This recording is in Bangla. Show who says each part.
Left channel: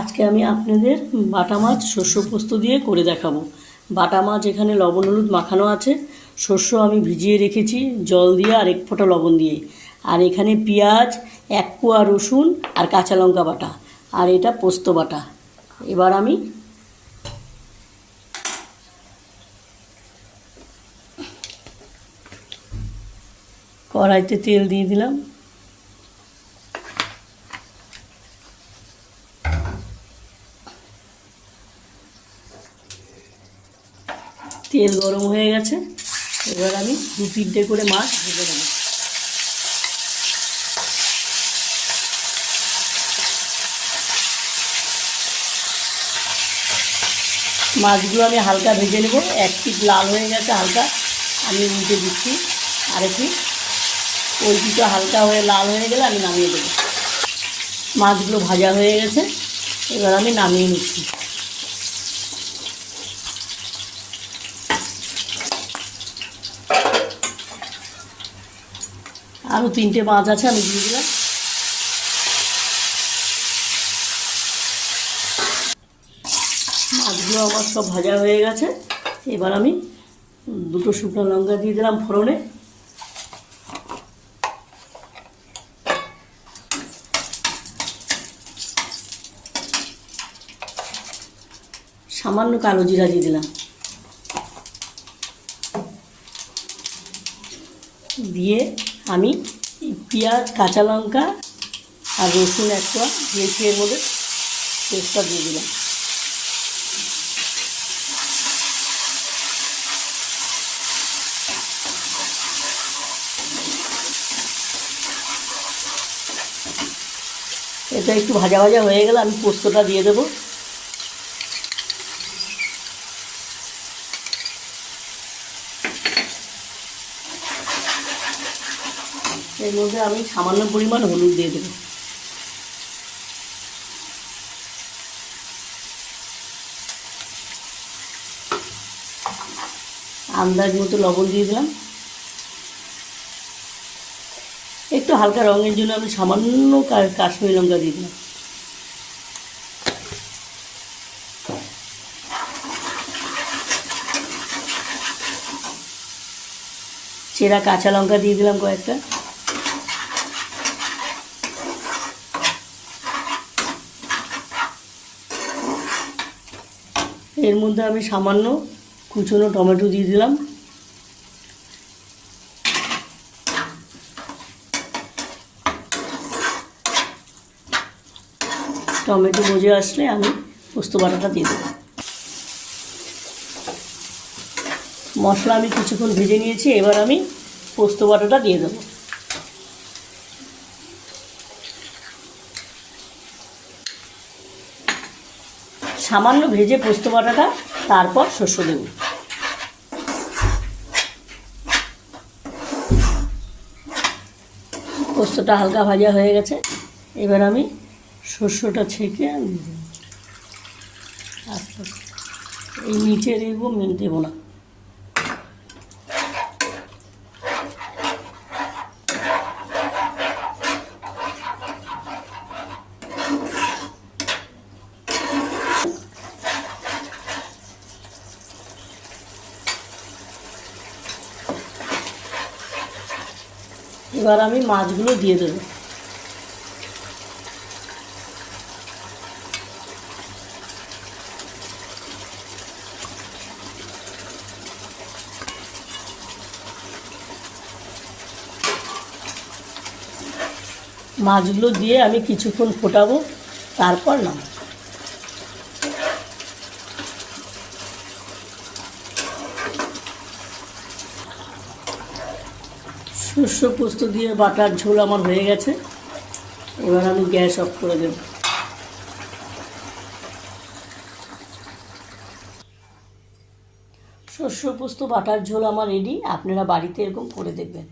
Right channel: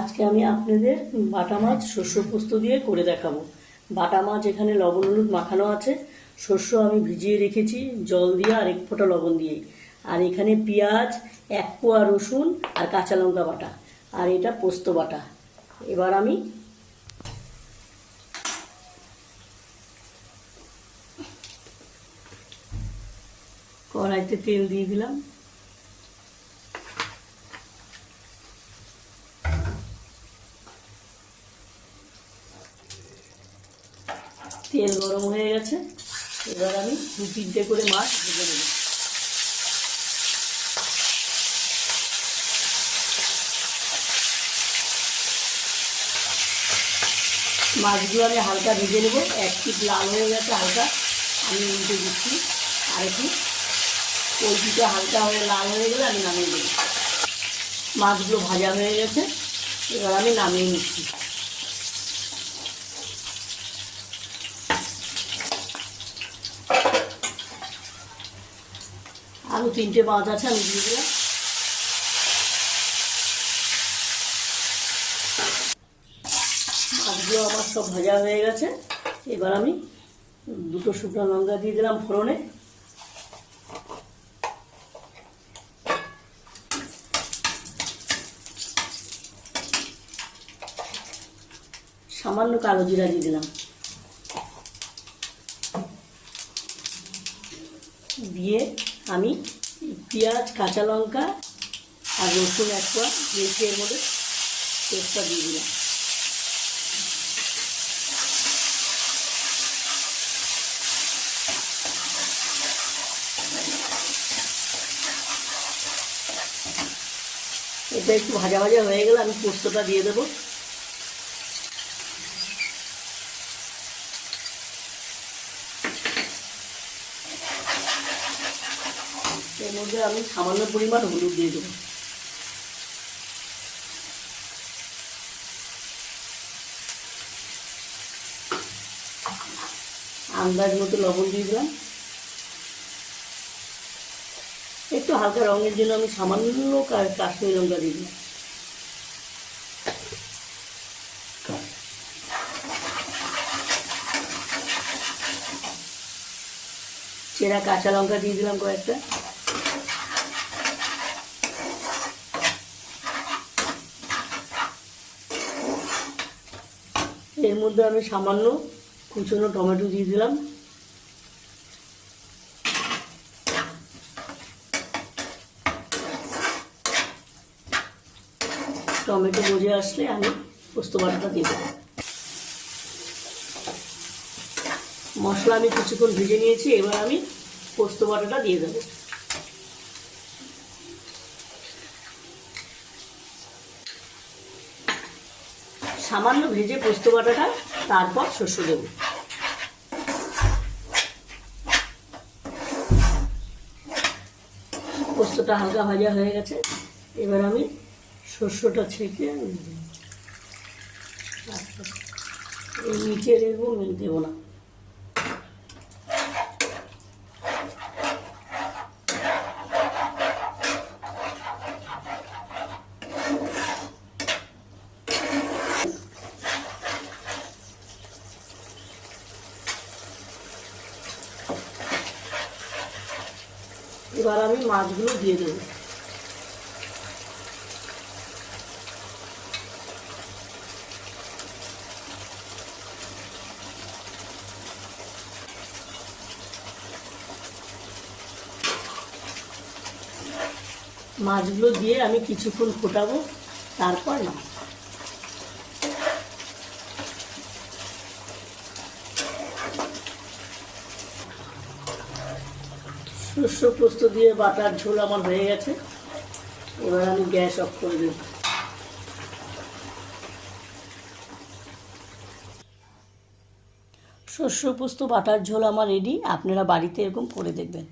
Speaker 1: আজকে আমি আপনাদের বাটা মাছ শস্য পোস্ত দিয়ে করে দেখাবো। বাটা মাছ এখানে লবণ, হলুদ মাখানো আছে। শস্য আমি ভিজিয়ে রেখেছি, জল দিয়ে আর এক ফোঁটা লবণ দিয়ে। আর এখানে পেঁয়াজ, এক কোয়া রসুন আর কাঁচা লঙ্কা বাটা। আর এটা পোস্ত বাটা। এবার আমি কড়াইতে তেল দিয়ে দিলাম। তেল গরম হয়ে গেছে। এবার আমি দু তিনটে করে মাছ ভেজে দেবো মাছগুলো আমি হালকা ভেজে নেব। এক পিট লাল হয়ে গেছে হালকা। আমি উল্টে দিচ্ছি আর একটু ওই পিঠটা হালকা হয়ে লাল হয়ে গেলে আমি নামিয়ে দেবো। মাছগুলো ভাজা হয়ে গেছে। এবার আমি নামিয়ে নিচ্ছি। আরও তিনটে মাছ আছে, আমি দিয়ে দিলাম। মাছগুলো আমার সব ভাজা হয়ে গেছে। এবার আমি দুটো শুকনো লঙ্কা দিয়ে দিলাম ফোড়নে। সামান্য কালো জিরা দিয়ে দিলাম। দিয়ে আমি পেঁয়াজ, কাঁচা লঙ্কা আর রসুন এক কোয়া দিয়েছি এর মধ্যে পেস্টটা দিয়ে দিলাম। এটা একটু ভাজা ভাজা হয়ে গেলে আমি পোস্তটা দিয়ে দেবো। এর মধ্যে আমি সামান্য পরিমাণ হলুদ দিয়ে দেবো। আন্দাজ মতো লবণ দিয়ে দিলাম। একটু হালকা রঙের জন্য আমি সামান্য কাশ্মীরি লঙ্কা দিয়ে দিলাম। চেরা কাঁচা লঙ্কা দিয়ে দিলাম কয়েকটা। এর মধ্যে আমি সামান্য কুচনো টমেটো দিয়ে দিলাম। টমেটো মজে আসলে আমি পোস্ত বাটাটা দিয়ে দেবো। মশলা আমি কিছুক্ষণ ভেজে নিয়েছি, এবার আমি পোস্ত বাটাটা দিয়ে দেবো। সামান্য ভেজে পোস্ত বাটাটা তারপর শস্য দেব। পোস্তটা হালকা ভাজা হয়ে গেছে। এবার আমি শস্যটা ছেঁকে আমি দেব। দেবো। এই নিচে রেখবো দেবো না। এবার আমি মাছগুলো দিয়ে দেবো। মাছগুলো দিয়ে আমি কিছুক্ষণ ফোটাবো তারপর নাম শস্য পোস্ত দিয়ে বাটার ঝোল আমার হয়ে গেছে। এবার আমি গ্যাস অফ করে দেব। শস্য পোস্ত, বাটার ঝোল আমার রেডি আপনারা বাড়িতে এরকম করে দেখবেন।